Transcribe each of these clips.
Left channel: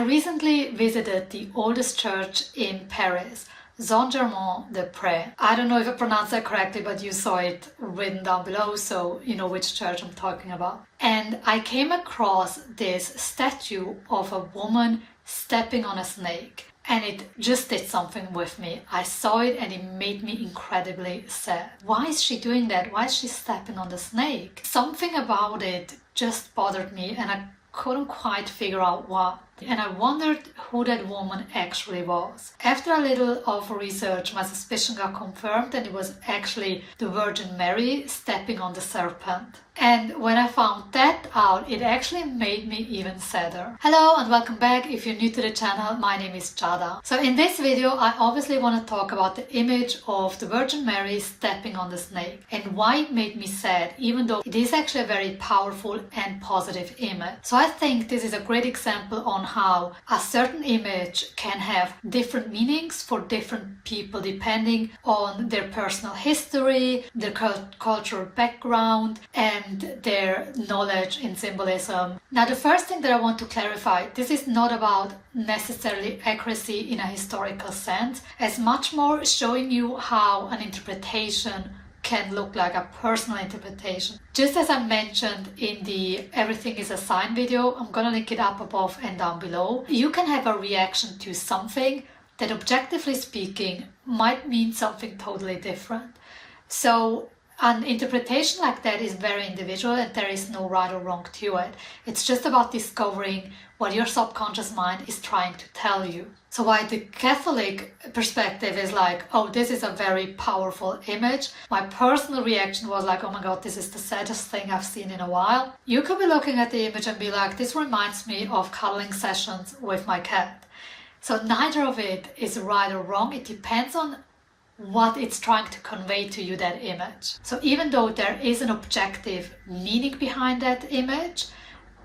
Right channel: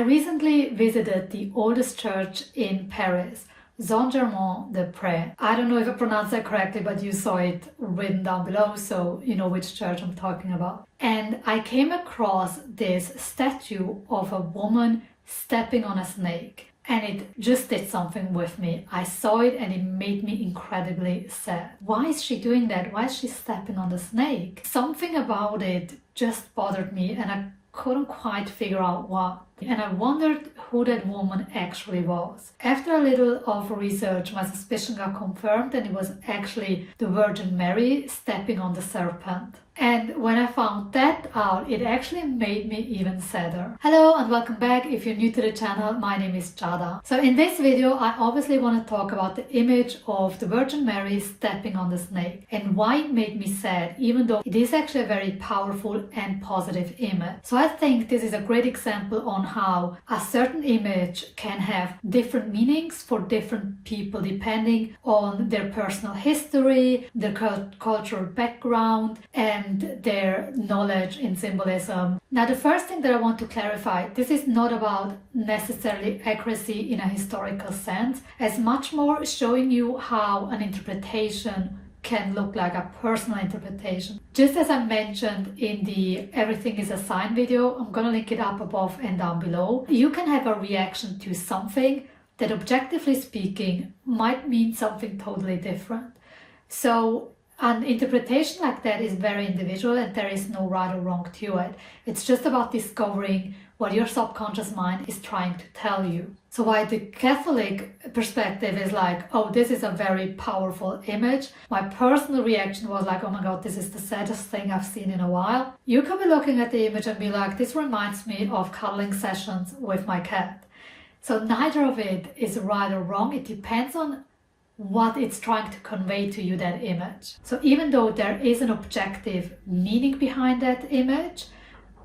recently visited the oldest church in Paris, Saint-Germain-des-Prés. I don't know if I pronounced that correctly, but you saw it written down below, so you know which church I'm talking about. And I came across this statue of a woman stepping on a snake. And it just did something with me. I saw it and it made me incredibly sad. Why is she doing that? Why is she stepping on the snake? Something about it just bothered me and I couldn't quite figure out what. And I wondered who that woman actually was. After a little of research, my suspicion got confirmed and it was actually the Virgin Mary stepping on the serpent. And when I found that out, it actually made me even sadder. Hello and welcome back. If you're new to the channel, my name is Jada. So in this video, I obviously want to talk about the image of the Virgin Mary stepping on the snake and why it made me sad, even though it is actually a very powerful and positive image. So I think this is a great example on how a certain image can have different meanings for different people depending on their personal history, their cultural background, and their knowledge in symbolism. Now, the first thing that I want to clarify, this is not about necessarily accuracy in a historical sense, as much more showing you how an interpretation can look like a personal interpretation. Just as I mentioned in the Everything is a Sign video, I'm gonna link it up above and down below. You can have a reaction to something that objectively speaking might mean something totally different. So an interpretation like that is very individual and there is no right or wrong to it. It's just about discovering what your subconscious mind is trying to tell you. So while the Catholic perspective is like, oh, this is a very powerful image, my personal reaction was like, oh my God, this is the saddest thing I've seen in a while. You could be looking at the image and be like, this reminds me of cuddling sessions with my cat. So neither of it is right or wrong. It depends on what it's trying to convey to you, that image. So even though there is an objective meaning behind that image,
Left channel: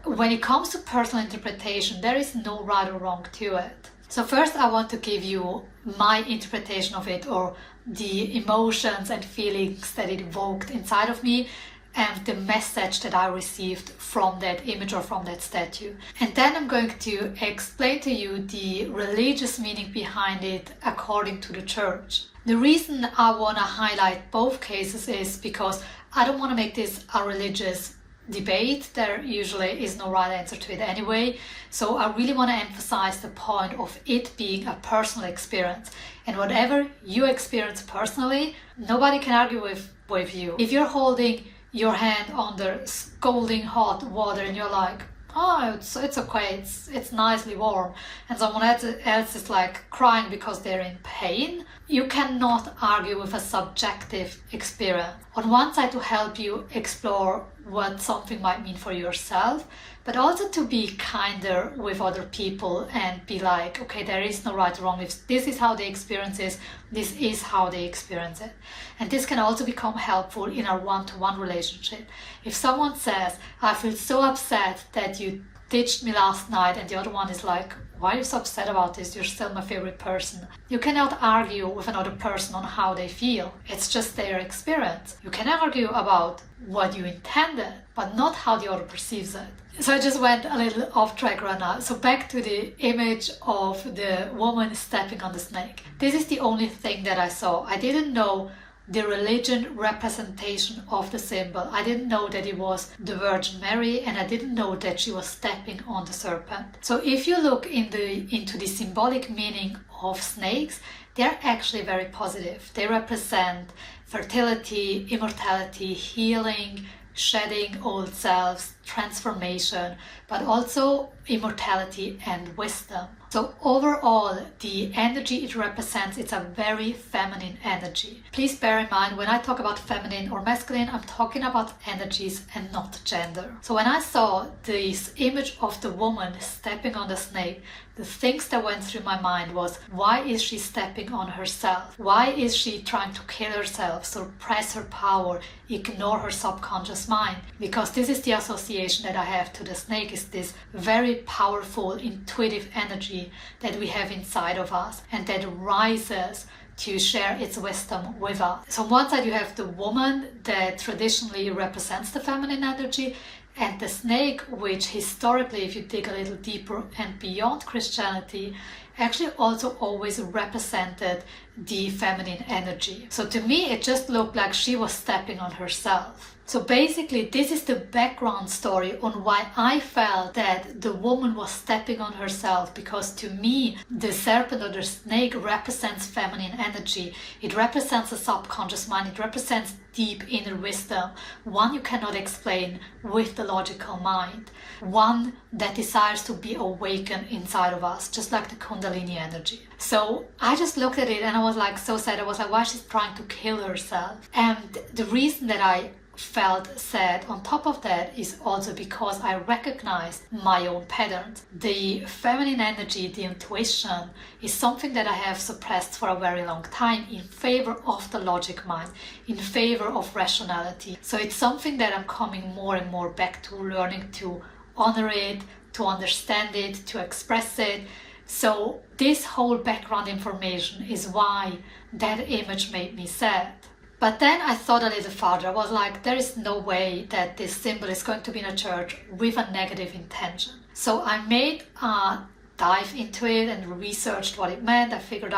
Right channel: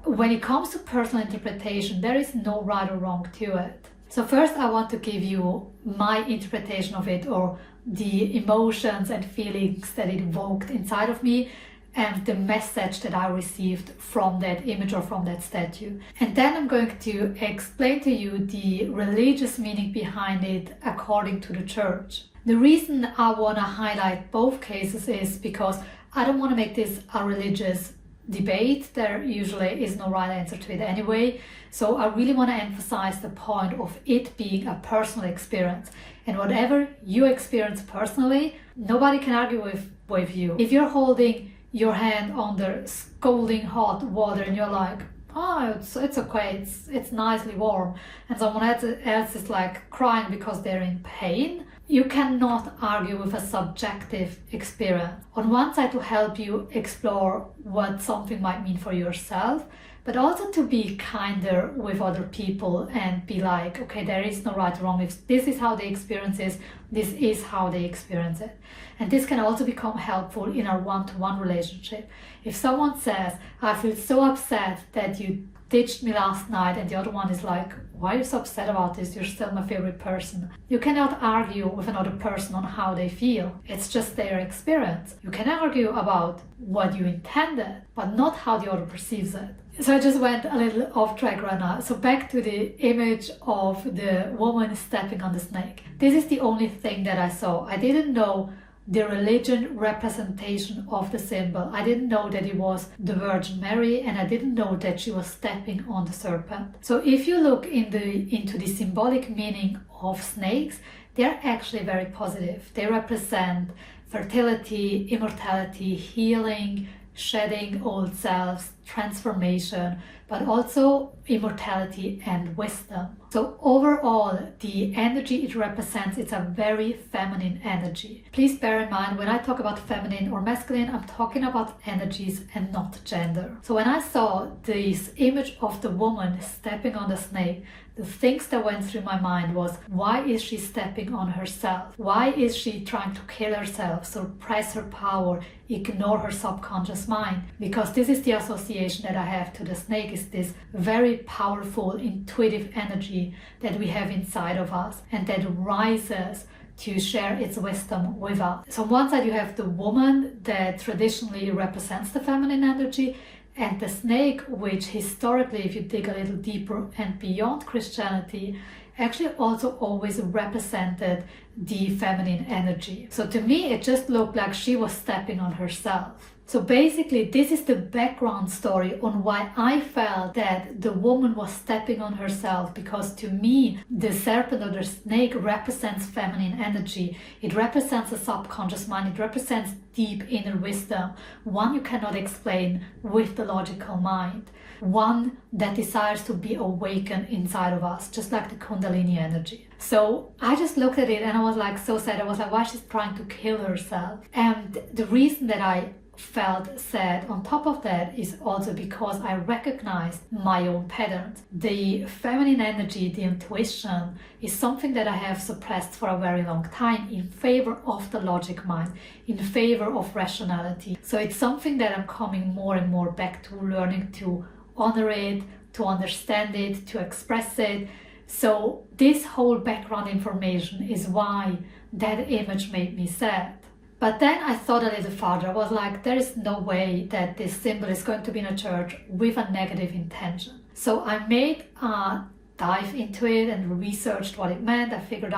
when it comes to personal interpretation, there is no right or wrong to it. So first I want to give you my interpretation of it, or the emotions and feelings that it evoked inside of me and the message that I received from that image or from that statue. And then I'm going to explain to you the religious meaning behind it according to the church. The reason I want to highlight both cases is because I don't want to make this a religious debate. There usually is no right answer to it anyway. So I really want to emphasize the point of it being a personal experience. And whatever you experience personally, nobody can argue with you. If you're holding your hand under scalding hot water and you're like, oh, it's okay, it's nicely warm, and someone else is like crying because they're in pain, you cannot argue with a subjective experience. On one side, to help you explore what something might mean for yourself, but also to be kinder with other people and be like, okay, there is no right or wrong. If this is how they experience it, this is how they experience it. And this can also become helpful in a one-to-one relationship. If someone says, I feel so upset that you ditched me last night, and the other one is like, why are you so upset about this? You're still my favorite person. You cannot argue with another person on how they feel. It's just their experience. You can argue about what you intended, but not how the other perceives it. So I just went a little off track right now. So back to the image of the woman stepping on the snake. This is the only thing that I saw. I didn't know the religion representation of the symbol. I didn't know that it was the Virgin Mary, and I didn't know that she was stepping on the serpent. So if you look into the symbolic meaning of snakes, they're actually very positive. They represent fertility, immortality, healing, shedding old selves, transformation, but also immortality and wisdom. So overall, the energy it represents, it's a very feminine energy. Please bear in mind, when I talk about feminine or masculine, I'm talking about energies and not gender. So when I saw this image of the woman stepping on the snake, the things that went through my mind was, why is she stepping on herself? Why is she trying to kill herself, suppress her power, ignore her subconscious mind? Because this is the association that I have to the snake, is this very powerful, intuitive energy that we have inside of us and that rises to share its wisdom with us. So on one side you have the woman that traditionally represents the feminine energy, And the snake, which historically, if you dig a little deeper and beyond Christianity, actually also always represented the feminine energy. So to me, it just looked like she was stepping on herself. So basically, this is the background story on why I felt that the woman was stepping on herself, because to me, the serpent or the snake represents feminine energy. It represents the subconscious mind. It represents deep inner wisdom, one you cannot explain with the logical mind, one that desires to be awakened inside of us, just like the Kundalini energy. So I just looked at it and I was like so sad. I was like, why she's trying to kill herself? And the reason that I felt sad on top of that is also because I recognized my own patterns. The feminine energy, the intuition, is something that I have suppressed for a very long time in favor of the logic mind, in favor of rationality. So it's something that I'm coming more and more back to, learning to honor it, to understand it, to express it. So this whole background information is why that image made me sad. But then I thought a little farther. I was like, there is no way that this symbol is going to be in a church with a negative intention. So I made a dive into it and researched what it meant. I found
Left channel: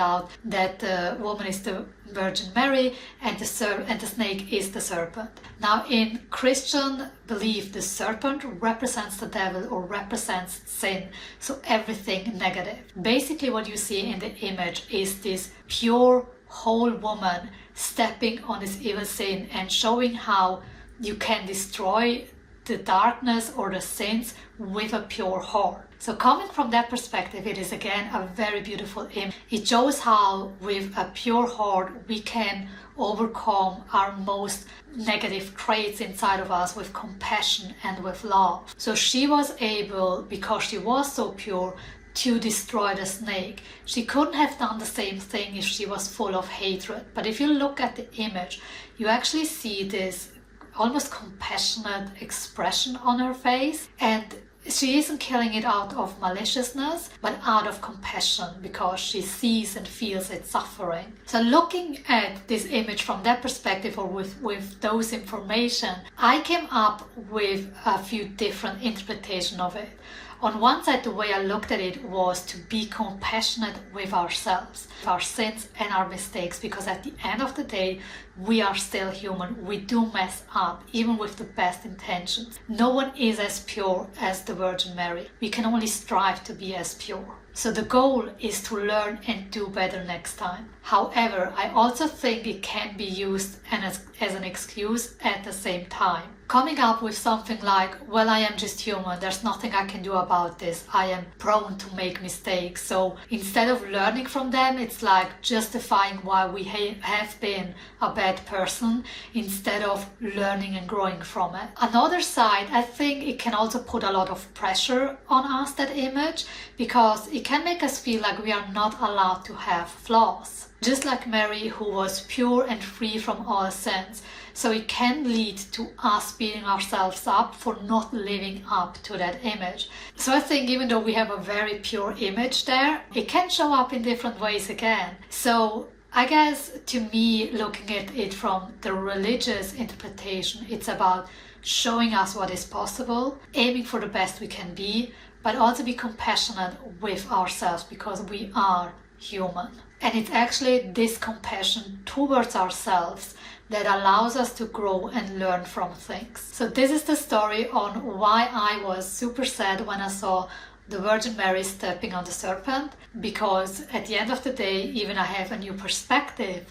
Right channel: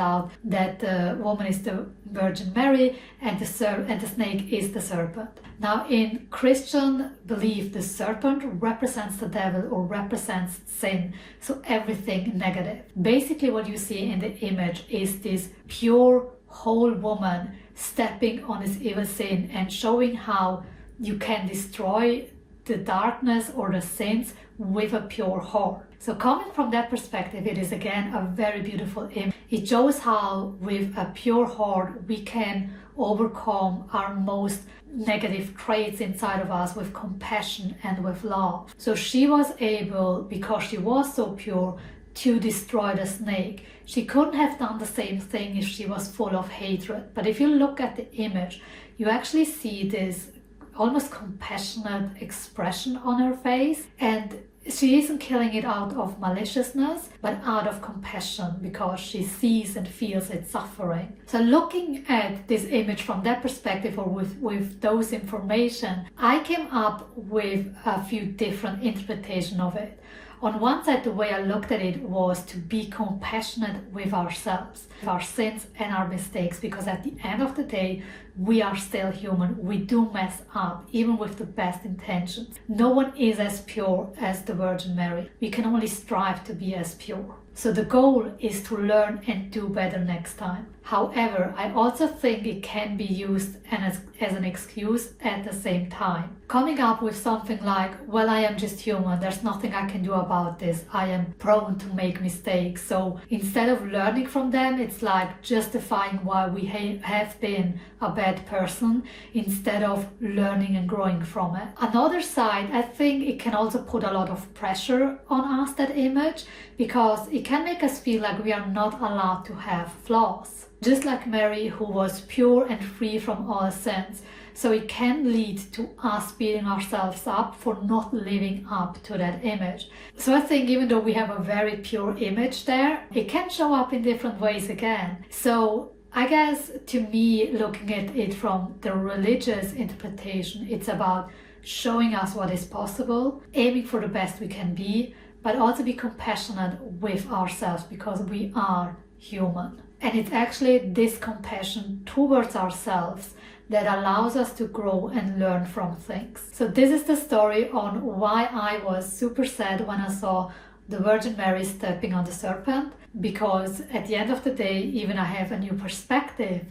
out that the woman is the Virgin Mary and the snake is the serpent. Now, in Christian belief, the serpent represents the devil or represents sin, so everything negative. Basically, what you see in the image is this pure, whole woman stepping on this evil sin and showing how you can destroy the darkness or the sins with a pure heart. So coming from that perspective, it is again a very beautiful image. It shows how with a pure heart we can overcome our most negative traits inside of us with compassion and with love. So she was able, because she was so pure, to destroy the snake. She couldn't have done the same thing if she was full of hatred. But if you look at the image, you actually see this almost compassionate expression on her face, and she isn't killing it out of maliciousness, but out of compassion, because she sees and feels its suffering. So looking at this image from that perspective, or with those information, I came up with a few different interpretations of it. On one side, the way I looked at it was to be compassionate with ourselves, our sins and our mistakes, because at the end of the day, we are still human. We do mess up, even with the best intentions. No one is as pure as the Virgin Mary. We can only strive to be as pure. So the goal is to learn and do better next time. However, I also think it can be used as an excuse at the same time. Coming up with something like, well, I am just human, there's nothing I can do about this, I am prone to make mistakes. So instead of learning from them, it's like justifying why we have been a bad person instead of learning and growing from it. Another side, I think it can also put a lot of pressure on us, that image, because it can make us feel like we are not allowed to have flaws. Just like Mary, who was pure and free from all sins. So it can lead to us beating ourselves up for not living up to that image. So I think even though we have a very pure image there, it can show up in different ways again. So I guess to me, looking at it from the religious interpretation, it's about showing us what is possible, aiming for the best we can be, but also be compassionate with ourselves, because we are human. And it's actually this compassion towards ourselves that allows us to grow and learn from things. So this is the story on why I was super sad when I saw the Virgin Mary stepping on the serpent, because at the end of the day, even I have a new perspective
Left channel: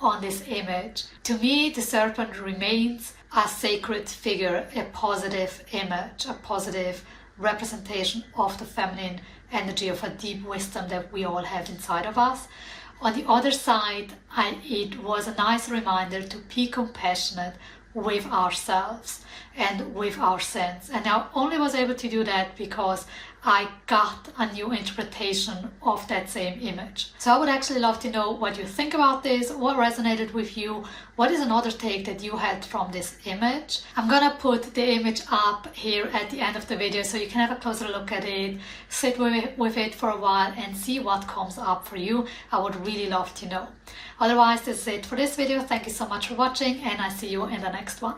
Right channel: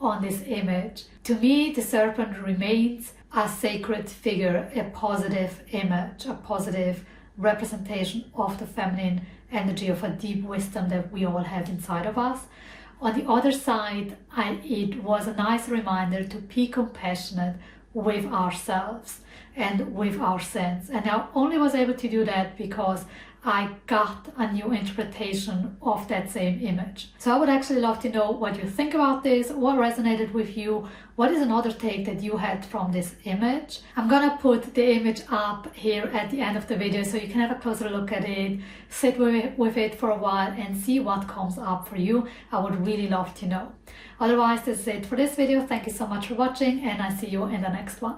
on this image. To me, the serpent remains a sacred figure, a positive image, a positive representation of the feminine energy, of a deep wisdom that we all have inside of us. On the other side, it was a nice reminder to be compassionate with ourselves and with our sins. And I only was able to do that because I got a new interpretation of that same image. So I would actually love to know what you think about this, what resonated with you, what is another take that you had from this image. I'm gonna put the image up here at the end of the video so you can have a closer look at it, sit with it for a while and see what comes up for you. I would really love to know. Otherwise, this is it for this video. Thank you so much for watching and I see you in the next one.